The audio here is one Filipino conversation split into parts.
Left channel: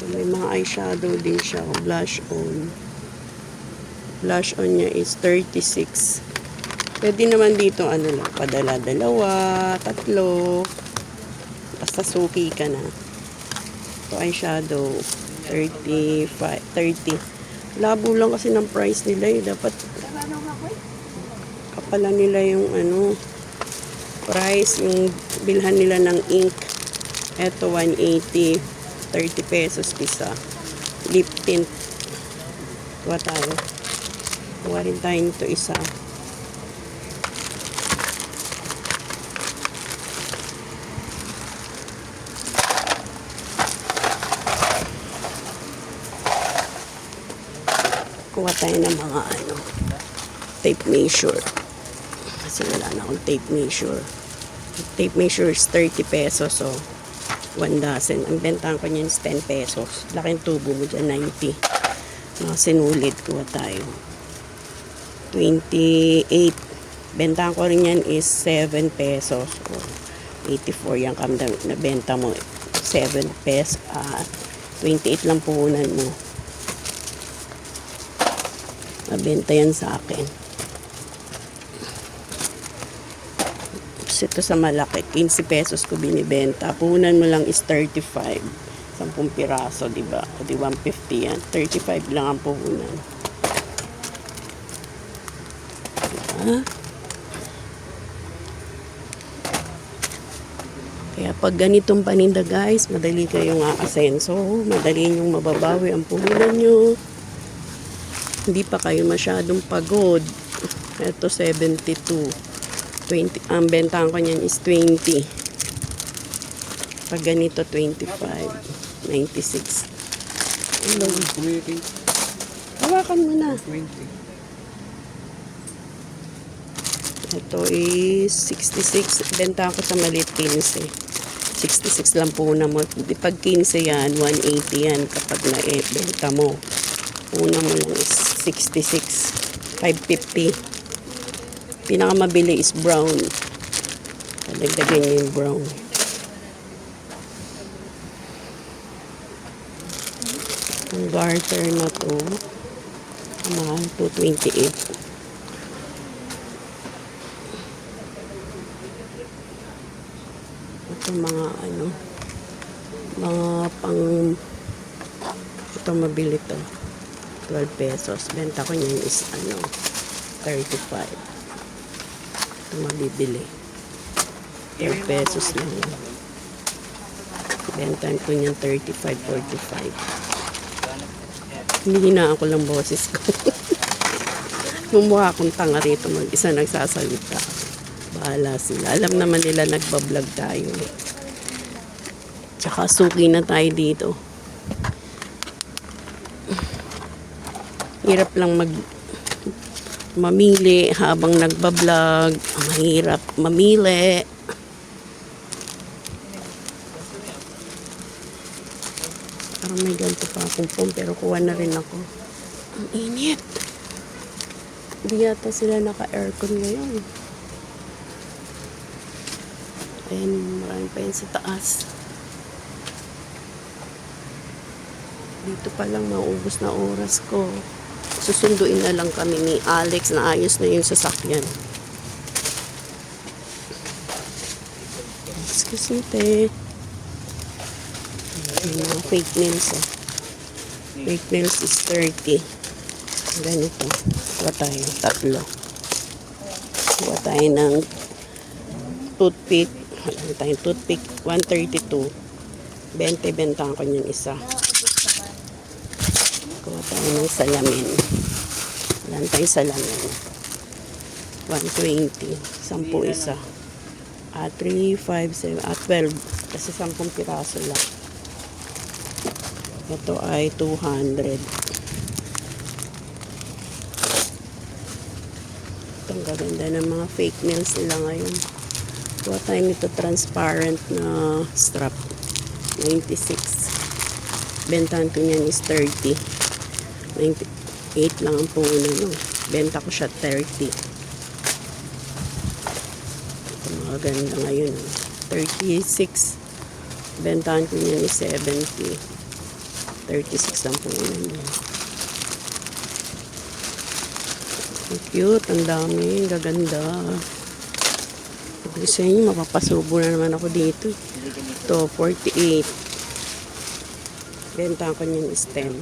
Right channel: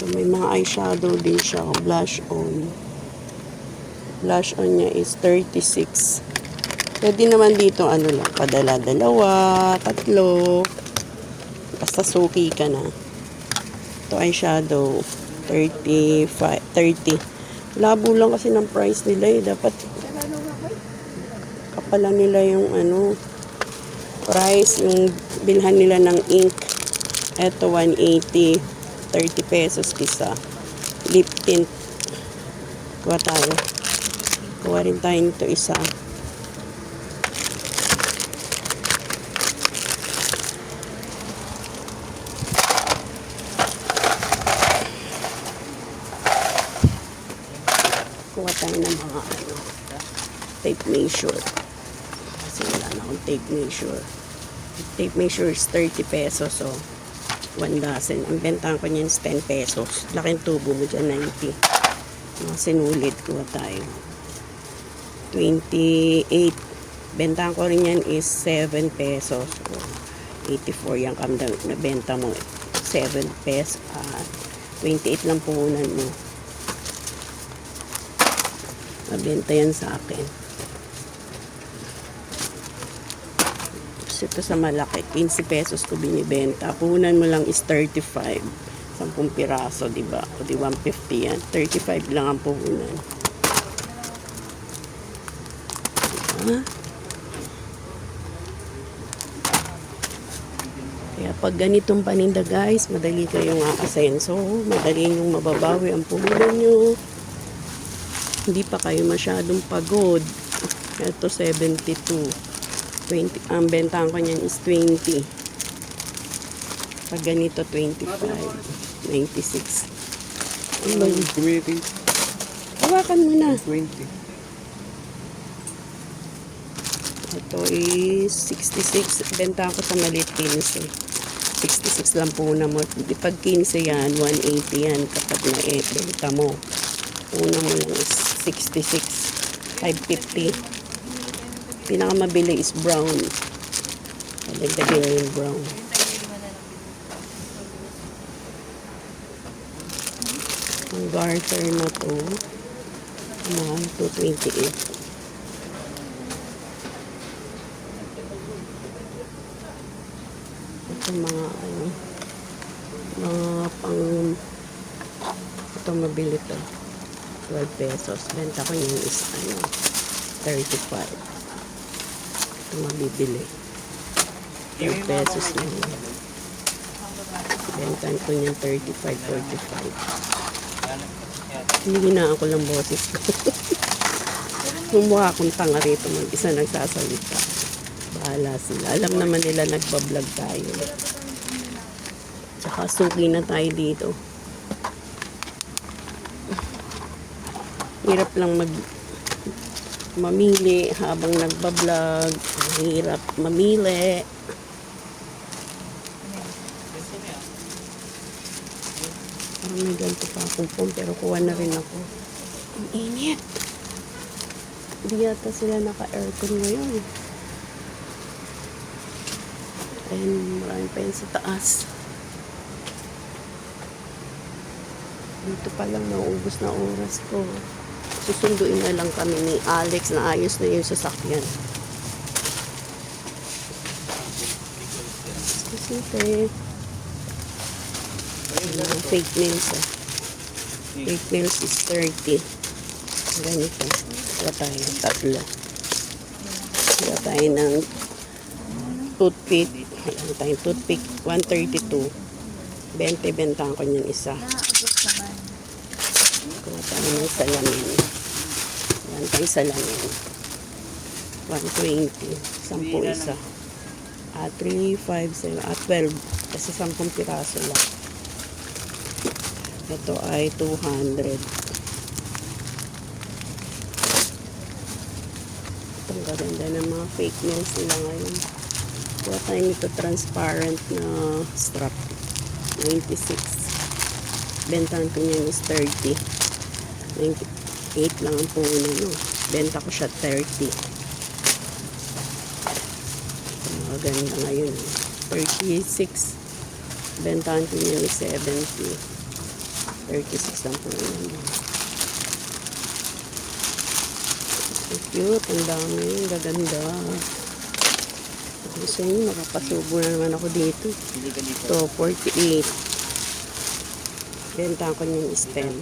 So, may mga eyeshadow din siya. Blush on. Blush on niya is 36. Pwede naman dito, ano lang, padala, dalawa, tatlo. Basta suki ka na. Ito eyeshadow, 35, 30. Labo lang kasi ng price nila eh. Dapat kapalan nila yung ano, price, yung bilhan nila ng ink. Ito, 180. 30 pesos isa. Lip tint. Kuha tayo. Kuha rin tayo nito isa. Kuha tayo ng mga ano, tape measure. Kasi wala na akong tape measure. Tape measure is 30 pesos. So, 1 dozen. Ang bentahan ko niyan is 10 pesos. Laking tubo mo dyan, 90. Sinulit, kuha tayo. 28. Bentahan ko rin yan is 7 pesos. So, 84 yung kamdam na benta mo. 7 pesos. 28 lang puhunan mo. Mabenta yan sa akin. Ito sa malaki, 15 pesos ko binibenta. Puhunan mo lang is 35. 10 piraso, diba? O di 150 yan. 35 lang ang puhunan. Diba? Kaya pag ganitong paninda guys, madali kayong aasenso. Madali yung mababawi ang puhunan nyo. Hindi pa kayo masyadong pagod. Ito 72. 20, ang bentahan ko niyan is 20. Pag ganito 25, 96. Ano? Hawakan mo na. 20. Ito is 66. Bentahan ko sa maliit 15 eh. 66 lang po na mo. Pag 15 yan, 180 yan kapag na-benta mo. Una mo lang is 66. 550. Pinakamabili is brown. Palagdagin yung brown. Ang garter na to, amount to 28. Ito mga ano, mga pang, ito mabili to. 12 pesos. Benta ko yun is ano, 35. Mabibili 10 pesos lang yun. Bentan ko yung 35, 45. Hindi na ako lang boses ko. Mumukha akong tanga rito mag-isa nagsasalita. Bahala sila. Alam naman nila nagbablog tayo. Tsaka suki na tayo dito. Hirap lang mamili habang nagbablog. Ang hirap mamili. Parang may ganito pa akong phone pero kuha na rin ako. Ang init. Hindi yata sila naka-aircon ngayon. Ayun, marami pa yun sa taas. Dito pa lang maubos na oras ko. Susunduin na lang kami ni Alex na ayos na yung sasakyan. Excuse me, te. Mga fake nails, eh. Fake nails is 30. Ganito. Kuha tayo ng tatlo. Kuha tayo ng toothpick. Kuha tayo ng toothpick. 132. 20 bentahan ko yung isa. Kuha tayo ng salamin. Yan tayo salamin. 120. 10 isa. 3, 5, 7, 12. Kasi 10 piraso lang. Ito ay 200. Itong gaganda ng mga fake nails nila ngayon. Kuha tayo nito transparent na strap. 96. Bentahan ko niyan is 30. 98 lang ang puno, no? Benta ko siya 30. Ito mga ganda ngayon. 36. Bentahan ko niyan is 70. 36 lang po yun. Cute, ang dami, gaganda. Sabi sa inyo, mapapasubo na naman ako dito. Ito, 48. Benta ko yung stem.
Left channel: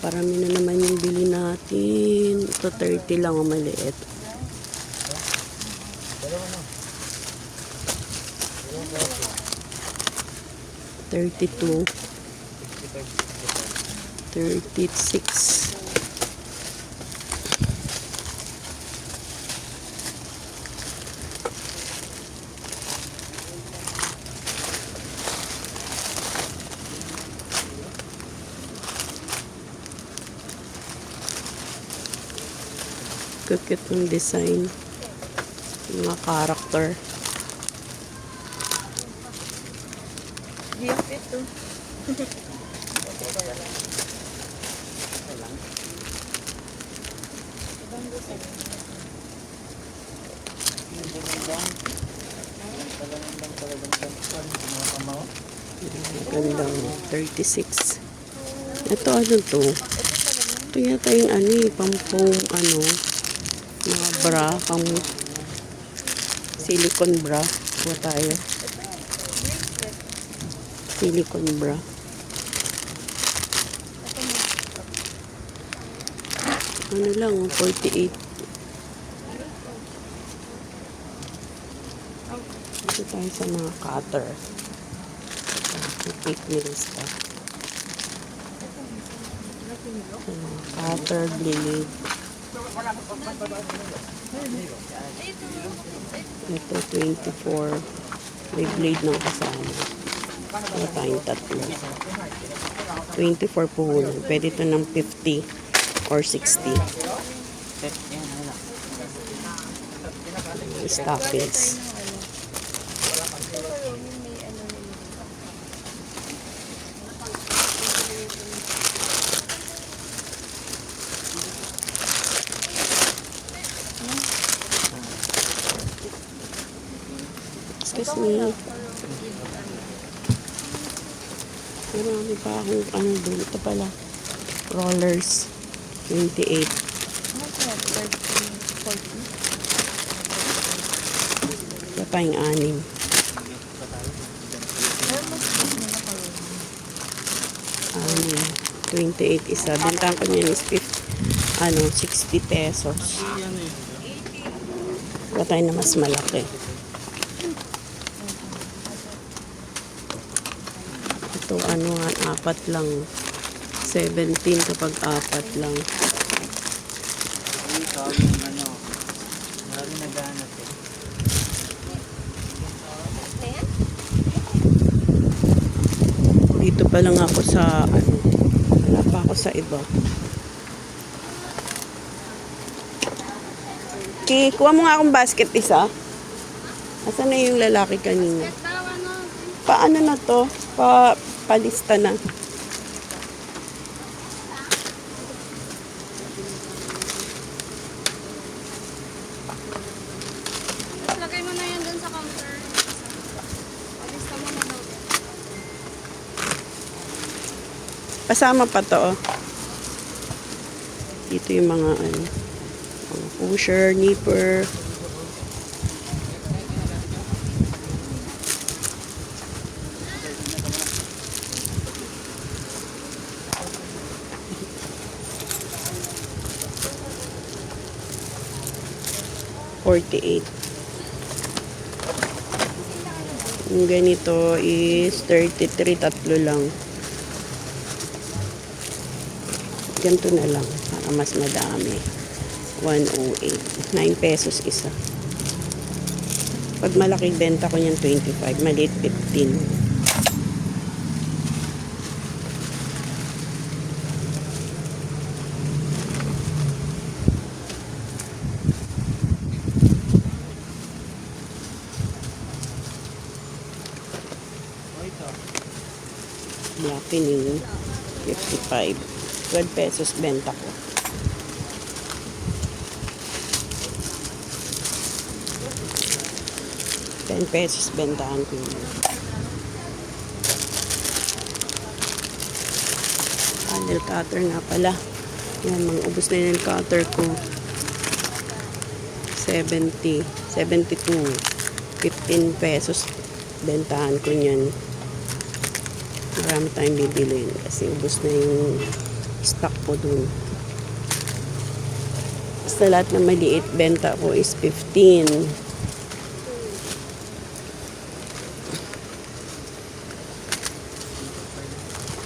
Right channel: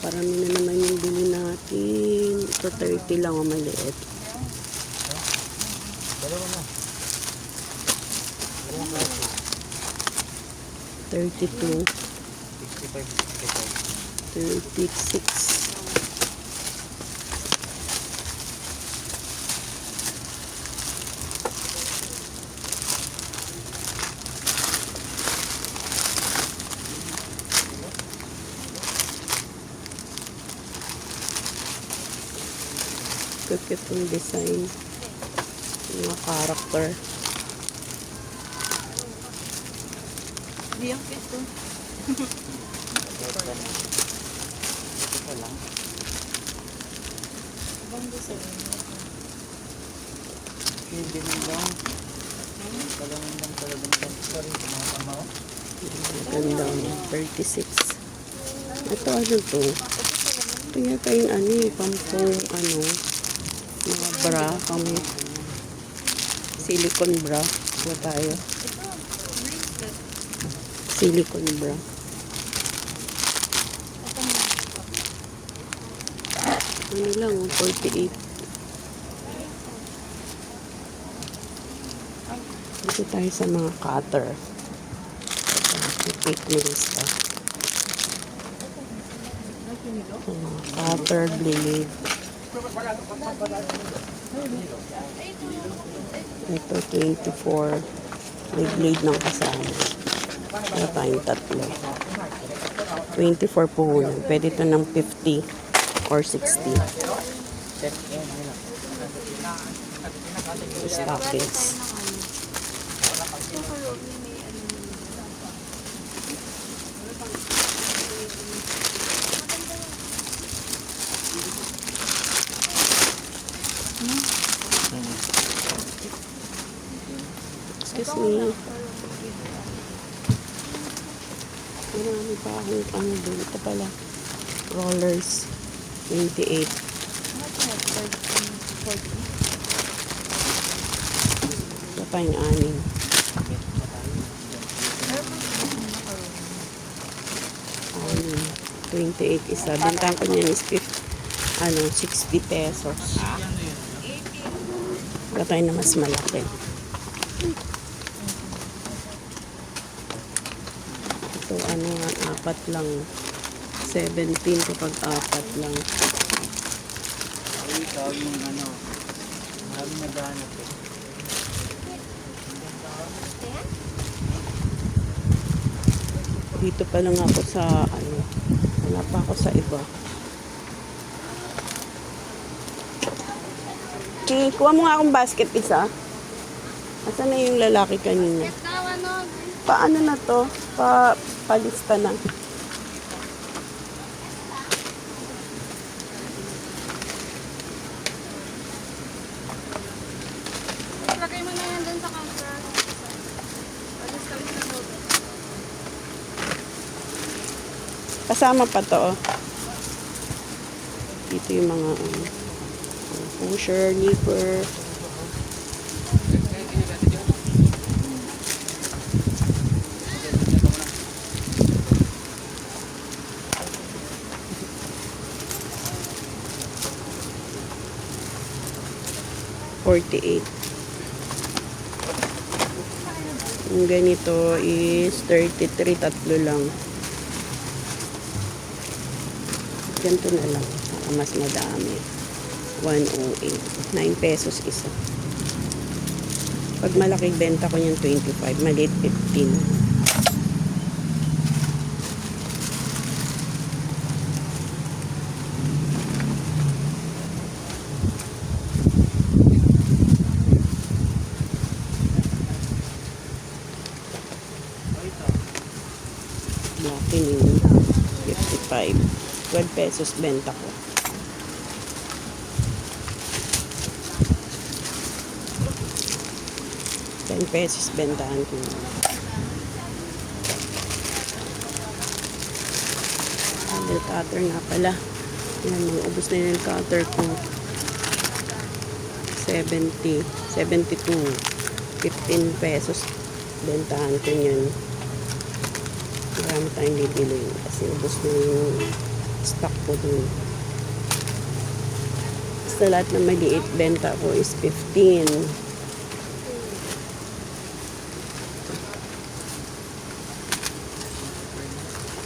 Parami na naman yung bili natin. Ito, 30 lang ang maliit. $32. 36. Cute yung design. Yung mga character. Di ang fit to. Ganda. 36. Ito ano to? Ito yata yung ano pampong ano mga bra, pang silicone bra. Ito tayo. Silicone bra. Ano lang, 48. Dito tayo sa mga cutter. Ito, nails pa. Sa mga cutter, blade. Ito, 24. May blade ng kasama. Ito tayong tatlo. 24 po hunan. Pwede ito ng 50 or 60. Stockings. Excuse me. Marami pa akong ano din. Ito pala. Rollers. 28. Ito pa yung 6. Ano, 28 isa. Bintang ko niyan is 60 pesos. Ito tayo na mas malaki. Ito ano nga, 4 lang. 17 kapag 4 lang. Dito pa lang ako sa ano, wala pa ako sa iba. Okay, kuha mo nga akong basket isa. Asan na yung lalaki kanina? Paano na to? Palista na. Lagay mo na yan dun sa counter. Alista mo na mo. Kasama pa to. Oh. Dito yung mga pusher, nipper. $48. Yung ganito is 33, tatlo lang. Ganito na lang. Para mas madami. 108. 9 pesos isa. Pag malaking benta ko niyan 25. Maliit 15. Black Pinin, 55. 12 pesos benta ko. $10 bentahan ko yun. Nail cutter nga pala. Yan, mga ubos na yung cutter ko. 70, 72, 15 pesos. Bentahan ko niyan. Marami tayong bibiliin kasi ubos na yung stock ko dun. Basta lahat na maliit benta ko is 15.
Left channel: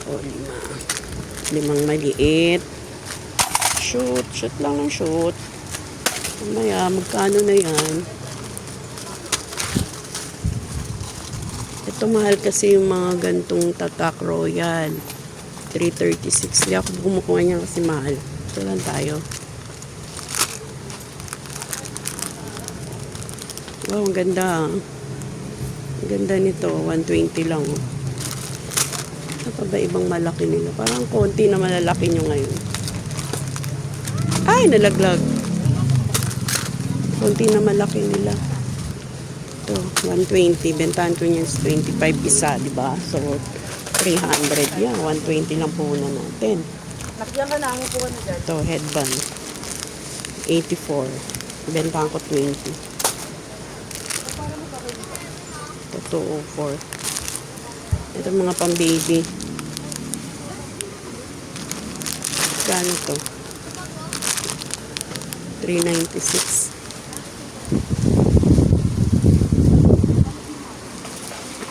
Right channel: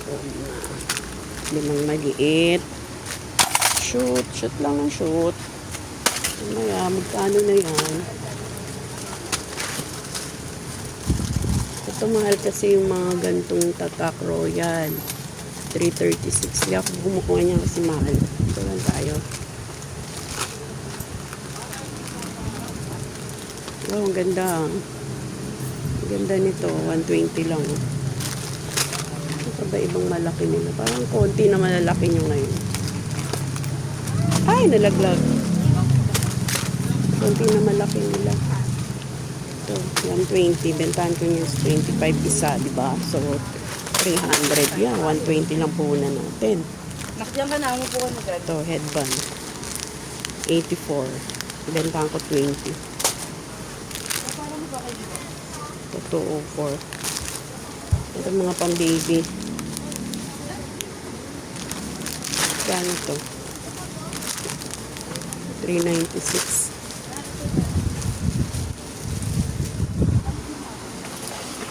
O, limang maliit. Shoot lang ng shoot. Ano yan, magkano na yan? Ito mahal kasi yung mga gantong Tatak Royal. 336. Hindi ako kumukuha niya kasi mahal. Ito lang tayo. Wow, ang ganda. Ang ganda nito. 120 lang. Ito ba ibang malaki nila? Parang konti na malalaki nyo ngayon. Ay, nalaglag. Konti na malaki nila. Ito, 120. Bentahan ko yung 25 isa, di ba? So, 300 yan. 120 lang po na natin. Nakdiyan ba na mo po na dyan? Ito, headband. 84. Bentahan ko 20. Ito, 204. Ito, mga pang-baby. Gano to? 396.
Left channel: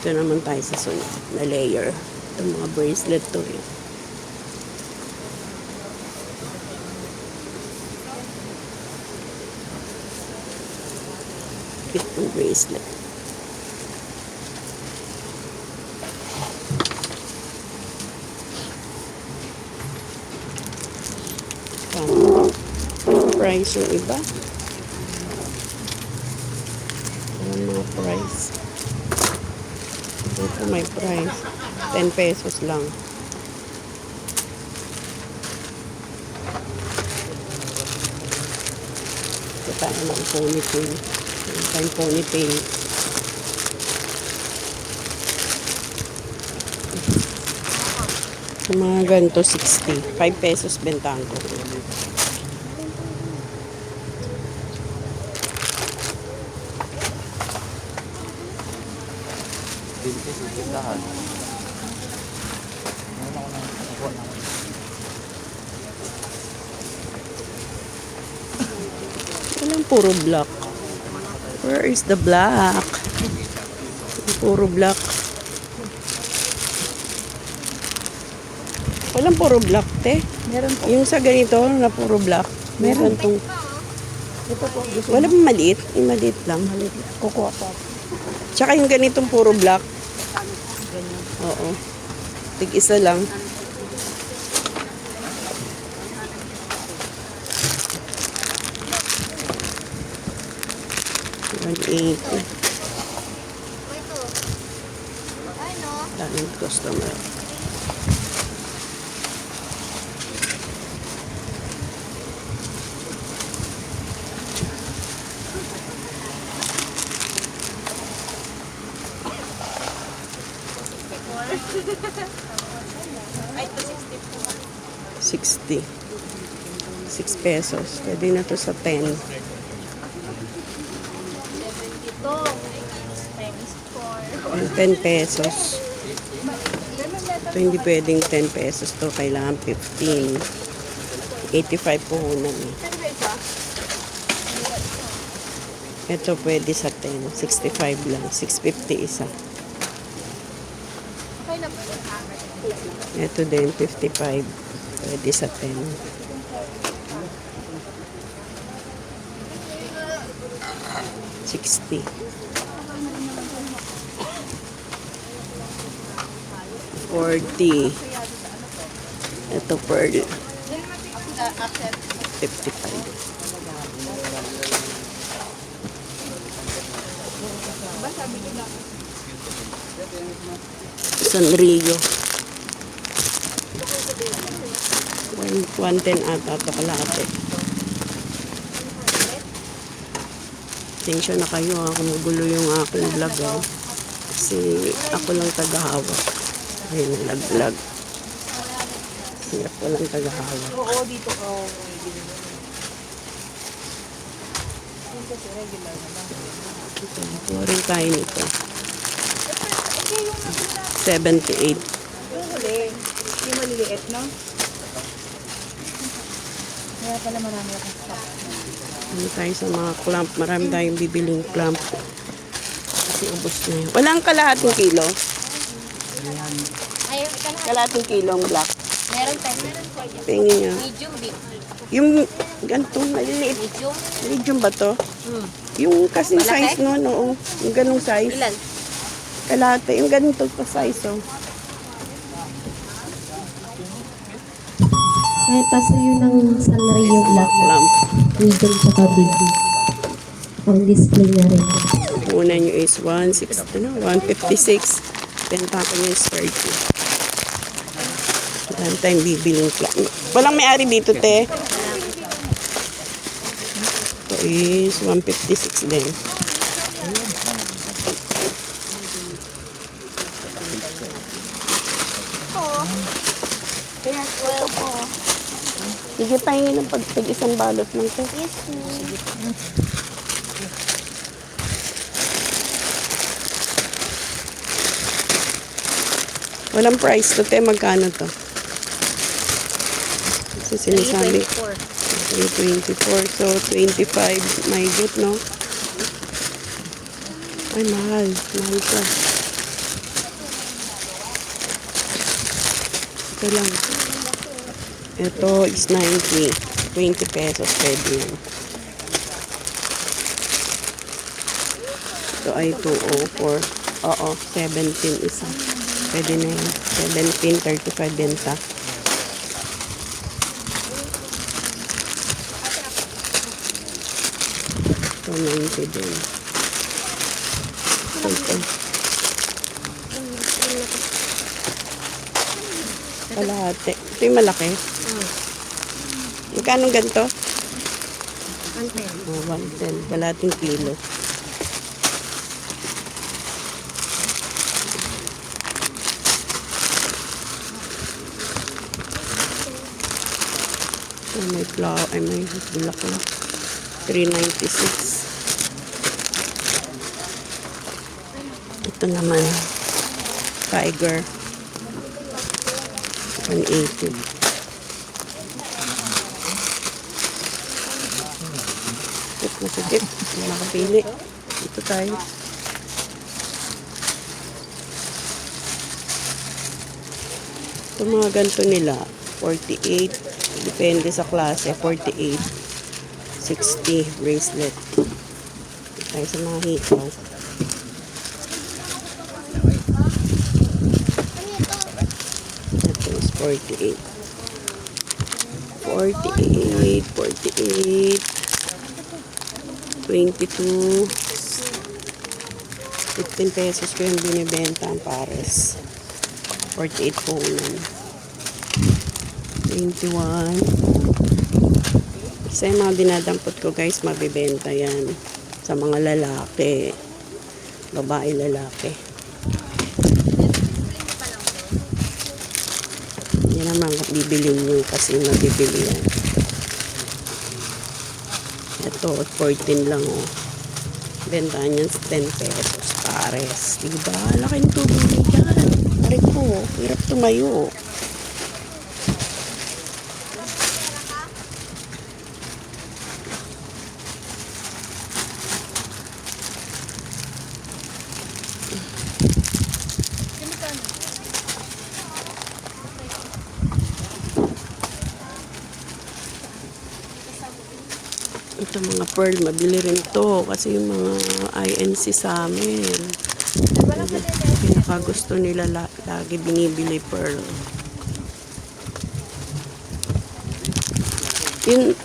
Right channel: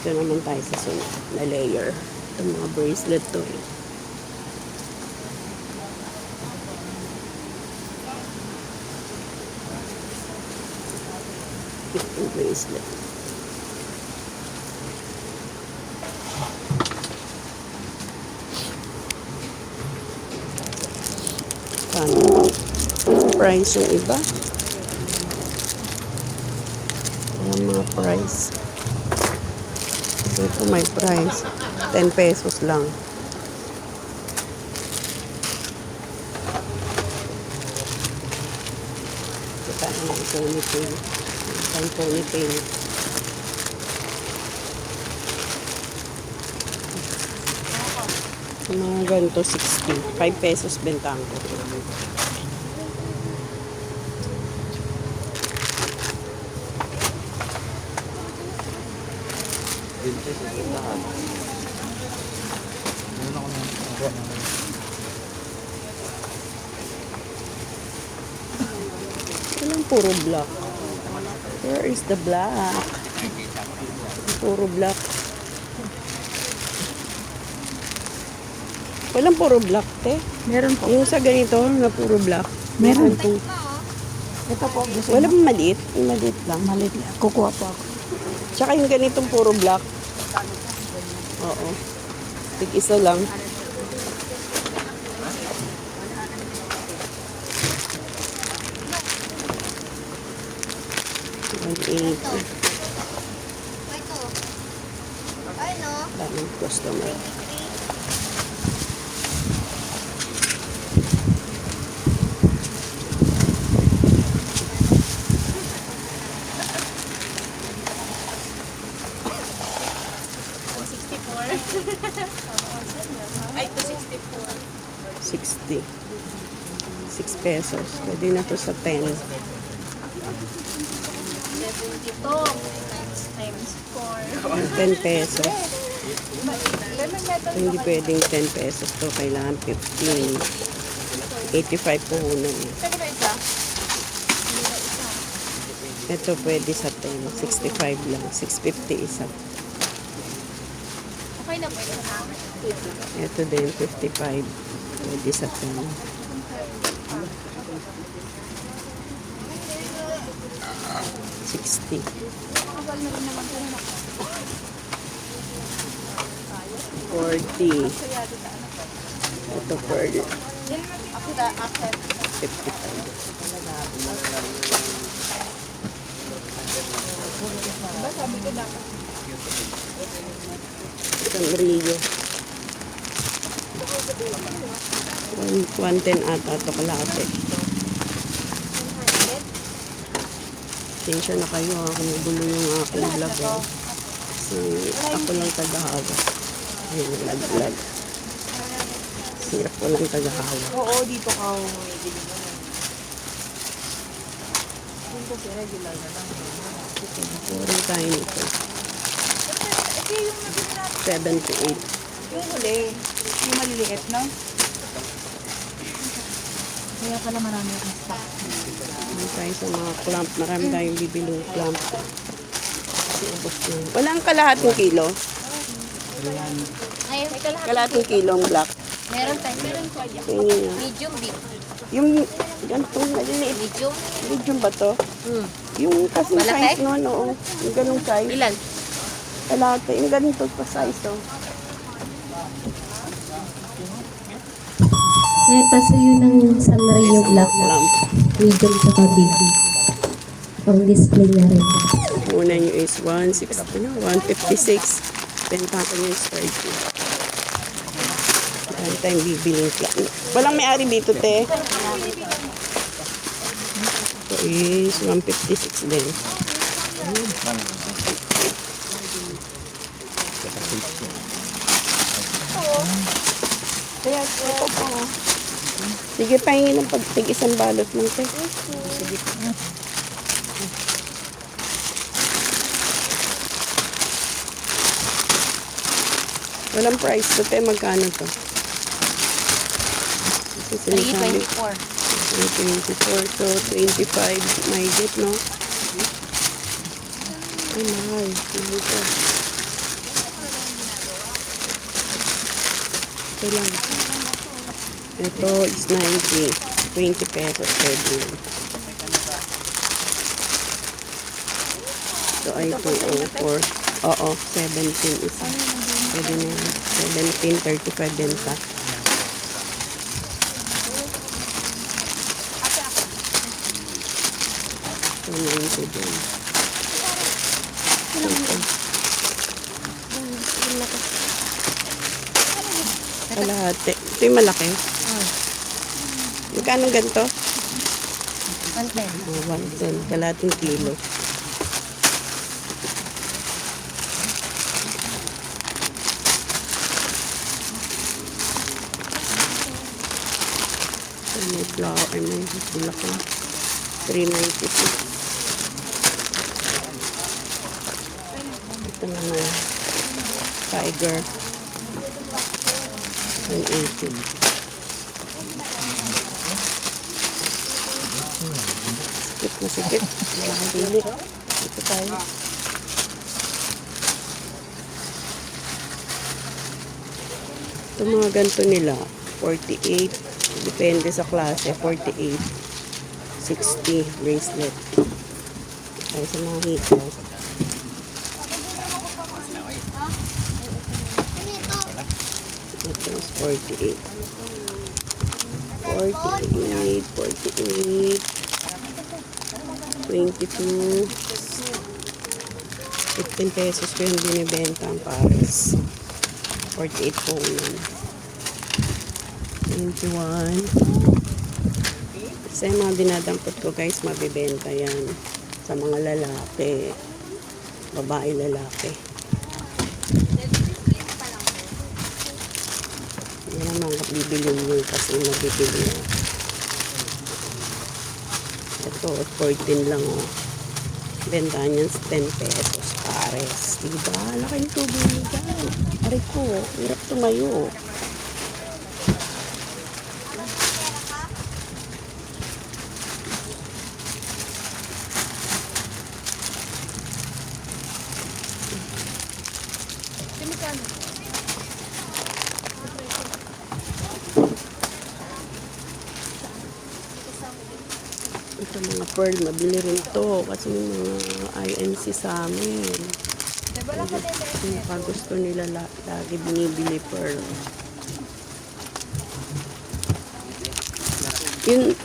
Ito naman tayo sa sunod na layer. Itong mga bracelet to. Itong bracelet. Kano? Price yung iba? Walang mga price. Ito may price. 10 pesos lang. Ito tayo mga ponytail. Ito ponytail. Sa mga ganito, 60. 5 pesos bentahan ko. Walang puro black. Where is the black? Puro black. Walang puro black, te. Meron po. Yung sa ganito na puro black. Meron tong... Ito po. Wala pang maliit. Yung maliit lang. Kukuha po. Tsaka yung ganitong puro black. Oo. Tig-isa lang. $180. Daming customer. Ay, ito 60 po. 60. 6 pesos. Pwede na to sa 10. 70 po. Thanks for. 10 pesos. Ito hindi pwedeng 10 pesos to. Kailangan 15. 85 puhunan. Ito pwede sa 10. 65 lang. 650 isa. Okay na po. Ito din 55. Pwede sa 10. 60. 40. Ito pearl. 55. Sanrio. 110 ata ito kalate. Tensyon na kayo ha, kumugulo yung aking vlog ha. Kasi ako lang tagahawak. Ayun, nag-vlog. Hirap walang tagahawak. Oo, dito ka. Dito kasi regular na lang. Puro tayo nito. Ito yung 78. yung huli. Yung maliliit, no? Kaya pala marami akong stock. Ano tayo sa mga clamp. Marami tayong bibiling clamp. Kasi ubos na yun. Walang kalahating kilo. Ay, Kalahating kilo ang black. meron tayo. Tingin niya. Medium big. Yung ganitong maliliit. Medium? Medium ba to? Hmm. Yung kasing Malaki? size no, no. Yung ganung size. Ilan? Kalahati. Yung ganito pa size, oh. Ay, paso yun ng Sanrio Black. Clamp. Medium sa big. Pang display na rin. Una nyo is 156. Benta ko yung sturdy. Dahil tayong bibiling clamp. Walang may-ari dito, te. Ito is 156 din. Kaya ito po. Sige, pahingin ng pagtig isang balot lang, te. Walang price to, te. Magkano to? Kasi sinasabi ko. 24. So, 25. My good, no? Ay, mahal. Mahal to. Ito lang. Ito is 90. 20 pesos per din. Ito ay 204. Oo, 17 isa. Pwede na yun. 17, 35 din ta. Ito 90 din. Ito. Kalahati. Ito yung malaki. Magkano ganito? 110. Oh, 110. Kalahating kilo. So, may flower. Ay, may bulak na. 396. Ito naman. Tiger. 180. Ito na si Dick. Walang pili. Ito tayo. Ito mga ganito nila. 48. Depende sa klase. 48. 60 bracelet. Tayo sa mga hito. Ito is 48. 48. 48. 22. 15 pesos ko yung binibenta ang pares. 48 po yun. 21. Kasi yung mga dinadampot ko guys, mabibenta yan. Sa mga lalaki. Babae lalaki. Yan naman bibilin nyo kasi mabibili yan. Ito, 14 lang oh. Bentahan yan sa 10 pesos pares. Diba? Laking tubo nyo dyan. Pare ko, hirap tumayo. Ito mga pearl, mabili rin to kasi yung mga INC sa amin. Pinaka gusto nila lagi binibili pearl. Yun,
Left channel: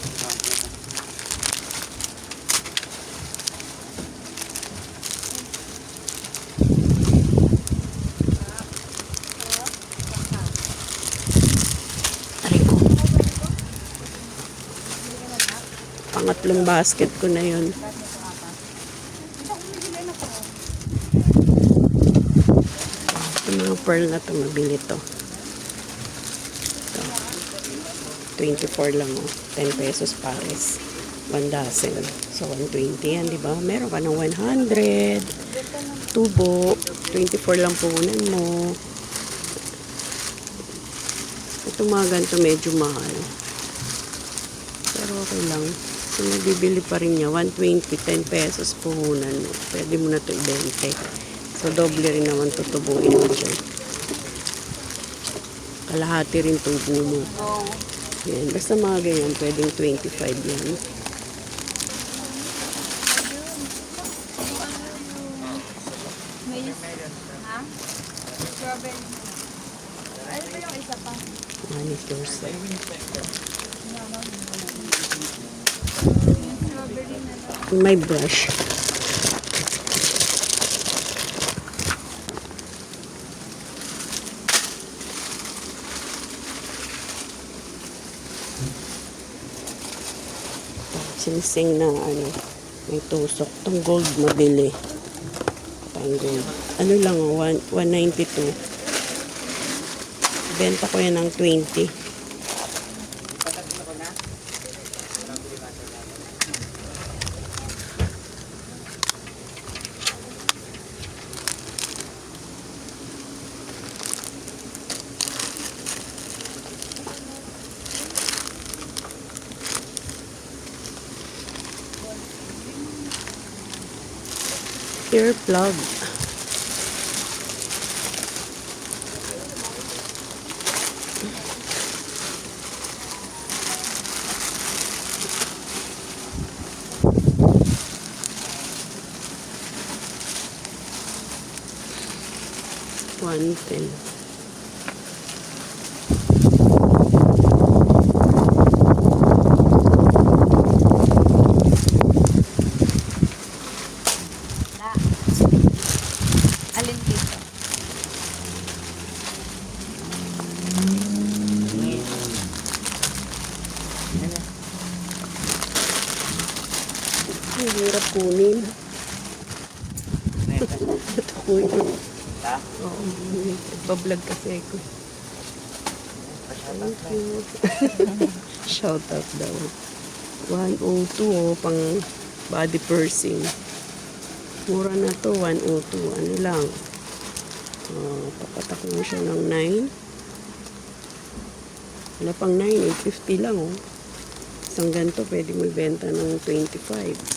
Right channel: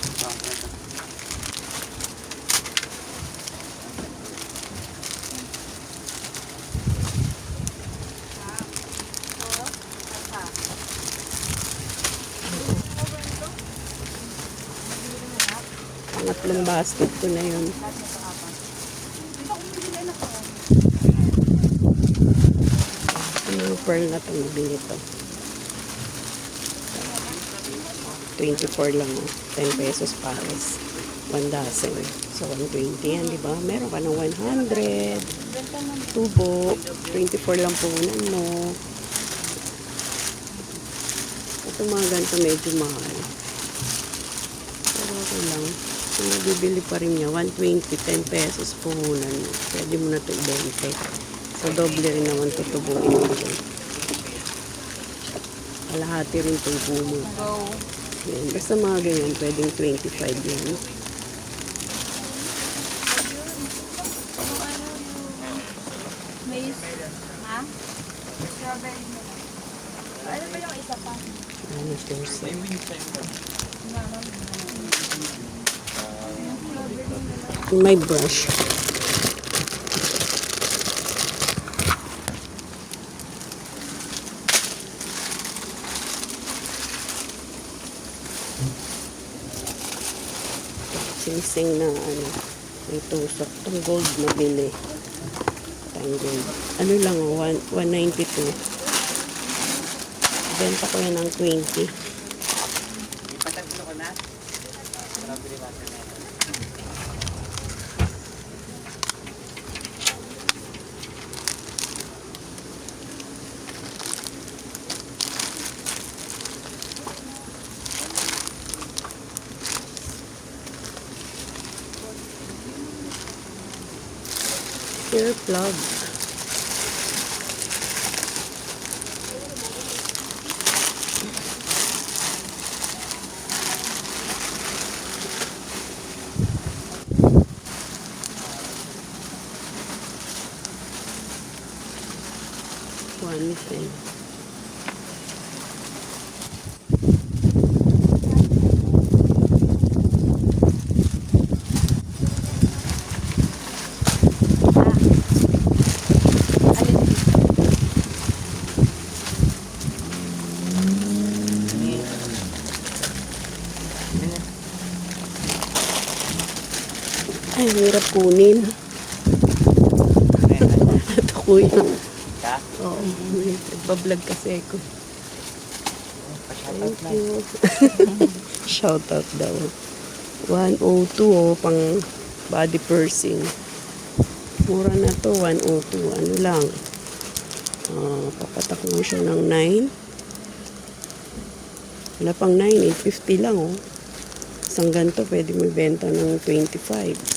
pangatlong basket ko na yun. Ang mga pearl na itong mabili to. 24 lang oh. 10 pesos pares. 1 dozen. So, 120 yan, di ba? Meron ka ng 100. Tubo. 24 lang puhunan mo. Ito mga ganito medyo mahal. Pero okay lang. Kung nabibili pa rin niya, 120, 10 pesos puhunan mo. Pwede mo na ito ibente. So, doble rin naman tutubuin mo siya. Kalahati rin tubo mo. Yan. Basta mga ganyan, pwedeng 25 yan. May ha? Strawberry na lang. Ano ba yung isa pa? 1%. May brush. Singsing na ano, ng tusok. Itong gold na bili. Itong gold. Ano lang, 192. Benta ko yan ng 20. Ear plug. $1.10. Ay, hirap kunin. Ito ko yun. Oo, nagbablog kasi ako. Thank you. Shout out daw. 102 oh, pang body pursing. Mura na to, 102. Ano lang. Papatak mo siya ng 9. Wala pang 9, 850 lang oh. Isang ganito pwede mo ibenta ng 25.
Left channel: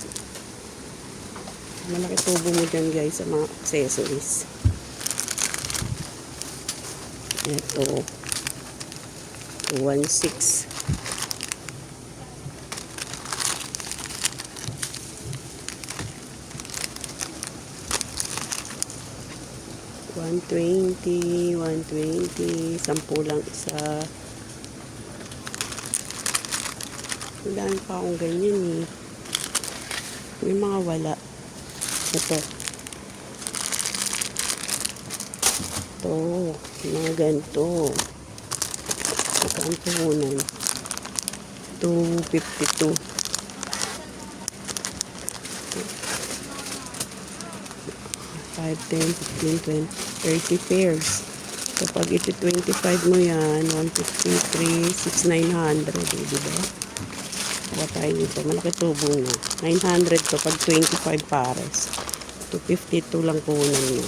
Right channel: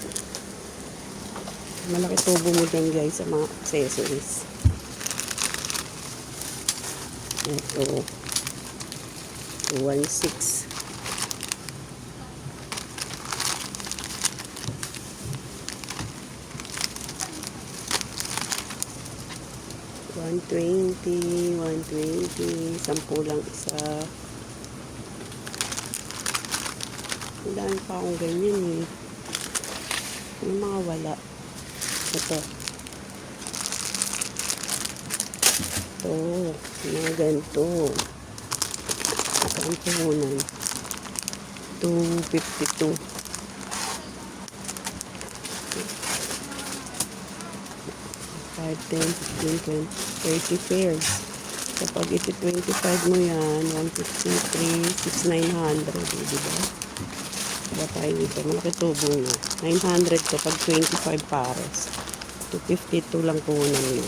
Malaki tubo mo dyan guys sa mga accessories. Ito 1.6. $120, 10 lang isa. Wala pa akong ganyan. May mga wala. Ito. Ito. Mga ganito. Saan puhunan? 252. 5, 10, 15, 20, 30 pairs. Kapag ito 25 mo yan, 153, 6,900. Diba? Ba tayo dito? Malaki tubo nga. 900 kapag 25 pares. 252 lang puhunan mo.